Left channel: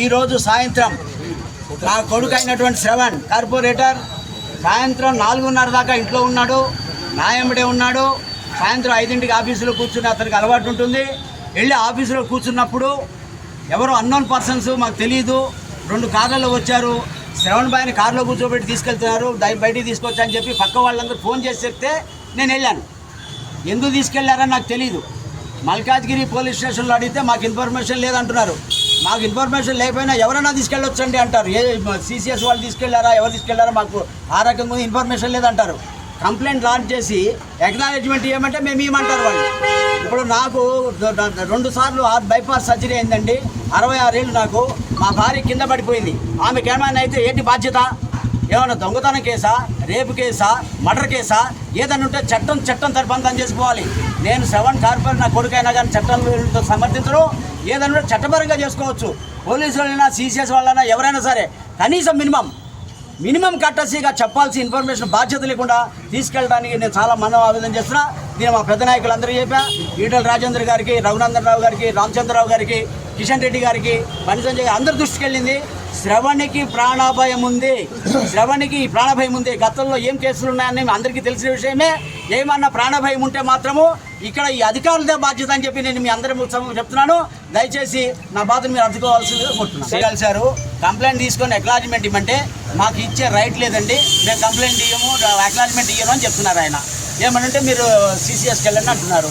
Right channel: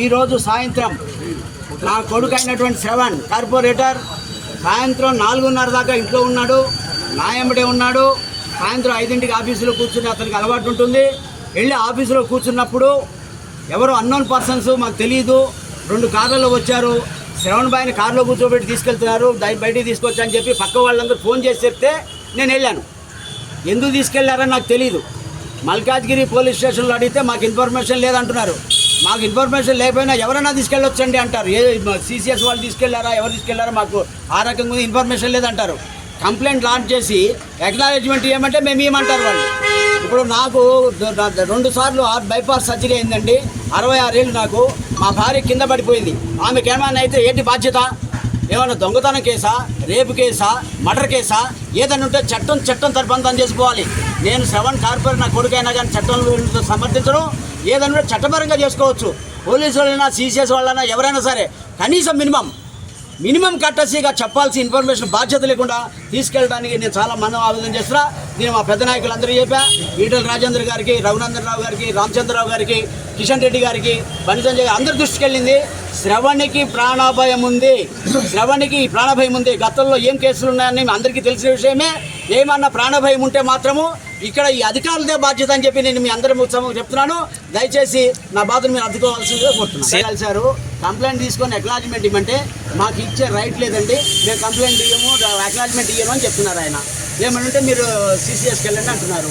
ఈరోజు సాయంత్రం నా కొడుకు అయినటువంటి శ్రవణ్ కార్పొరేటర్ సాయంత్రం 4:30 దాకా ఇంట్లో ఉన్నాడు, నా వెంబడే ఉన్నాడు. సాయంత్రం 5ంటికి ఆఫీసులో కూర్చుని అతనికి అలవాటు ఉంటుంది. వెళ్ళి ఆఫీసులో కూర్చున్నప్పుడు ఎవరో అన్నోన్ పర్సన్స్ మాకు తెలియదు 2 కార్లలో వచ్చారు. శ్రవణ్ బాయ్ని కారులో కూర్చోబెట్టి తీసుకెళ్తున్నారు, బయటికి తీసుకొచ్చా అని చెప్పి పక్క వాళ్ళందరూ ఫోన్ చేసి చెప్తే నేను వెళ్ళాను. ఎందుకు తీసుకెళ్లారని నాకు తెలియదు. మల్కాజ్గిరి పోలీస్ స్టేషన్లో అడిగితే మాకు ఇన్ఫర్మేషన్ లేదంటున్నారు. మాకు ఇన్ఫర్మేషన్ లేకపోయినా ఎవరైనా తీసుకెళ్ళొచ్చండి అంటారు. సిసిఎస్ వాళ్ళు తీసుకెళ్లారా, ఎవరు తీసుకెళ్లారా మాకు ఆ రకంగా ఇన్ఫర్మేషన్ లేదంటారు. కంప్లైంట్ లాంచ్ చేసి ఎక్నాలెడ్జ్మెంట్ ఇవ్వమంటే మేము ఇవ్వమంటారు వాళ్ళు. ఇప్పుడు నాకు 2 సార్లు బైపాస్ సర్జరీ అయిందండి. 66 ఏళ్ళు నాకు. మా భార్య కింద పడిపోయింది. ఆమెకి ఏమైనా అయితే ఏంటి బాధ్యత? ఏమైనా దొంగతనం కేసా, రేపు కేసా, మర్డర్ కేసా? ఏదైనా ఉంటే చట్టం తరపంతం చేసుకోవాలి. నేను శ్రవణ్ కార్పొరేట్ నా కొడుకైనా కానీ చట్టంలో సమర్థించడం ఏదైనా చట్టపరంగా చేసుకోవచ్చు. పోలీసు వాళ్ళైనా, సిసిఎస్ వాళ్ళైనా, ఎవరైనా సరే కనీసం మినిమం కట్టసీగా చెప్పాల్సిన ఇన్ఫర్మేషన్ బాధ్యత లేకుండా తీసుకెళ్ళడానికి నేను చాలా ఆవేదన చేస్తున్నా. నేను మా పెద్ద నాయకులందరూ చెప్పా. ఈటల రాజేంద్ర గారికి, రఘునందన్ రావు గారికి, రామచంద్రరావు గారికి, కిషన్ రెడ్డి గారికి, బండి సంజయ్ అందరి దృష్టికి వెళ్ళింది. శ్రవణ్కి ప్రాణభయం ఉంది. గతంలో ఏం కేసులు ఉన్నాయని అందరికీ తెలిసిన విషయమే. ఏమన్నా ప్రాణభయం ఉంటే మాత్రము ఇక్కడ ఈ అధికారులదే బాధ్యత అని చెప్పి నేను మీ అందరి చెప్తున్నాను. దయచేసి నా బాధను మీరు అర్థకోవాల్సిందిగా కోరుతున్నాను. కలిసారు కంప్లైంట్ తీసుకొని అక్నాలెడ్జ్మెంట్ ఇవ్వమంటే మాకు ఇచ్చే రైట్ లేదండి, మేము కంప్లైంట్ ఇవ్వము, అక్నాలెడ్జ్మెంట్ ఇవ్వను అని చెప్తున్నారు ఆయన. ఏమనంటే మీరు సిసిఎస్కి వెళ్ళండి అంటున్నారు.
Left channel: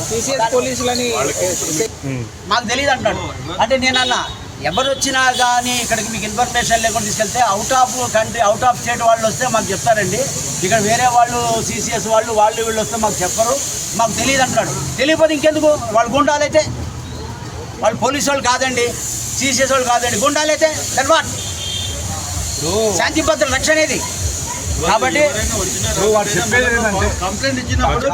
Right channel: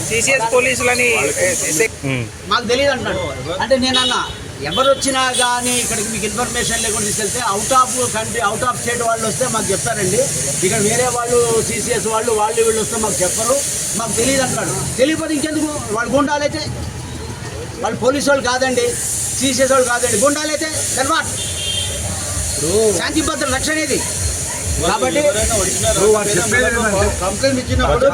పోలీసులని మాకు తెలియదు అంటున్నాడు. అంటే నేనన్నా ఎవరు వచ్చినా కానీ ఇక్కడికి మీకు ఇన్ఫర్మేషన్ లేకుండా తీసుకెళ్తే out of country, out of state వాళ్ళు వస్తే మాకు చెప్తారండి. ఇక్కడ వేరే వాళ్ళు సిసిఎస్ వాళ్ళు వీళ్ళు వస్తే మాకు చెప్పరు, మాకు తెలియదు అంటున్నాడు. తెలియకపోతే ఇంకెందుకు? వాళ్ళు గుండాలైతే వాళ్ళు పోలీసు వాళ్ళు కాదండి, సిసిఎస్ వాళ్ళు కాదండి, గుండాలైతే తర్వాత శాంతి భద్రత రక్షణ ఇది. కాబట్టి కంప్లైంట్ ఇచ్చినప్పుడు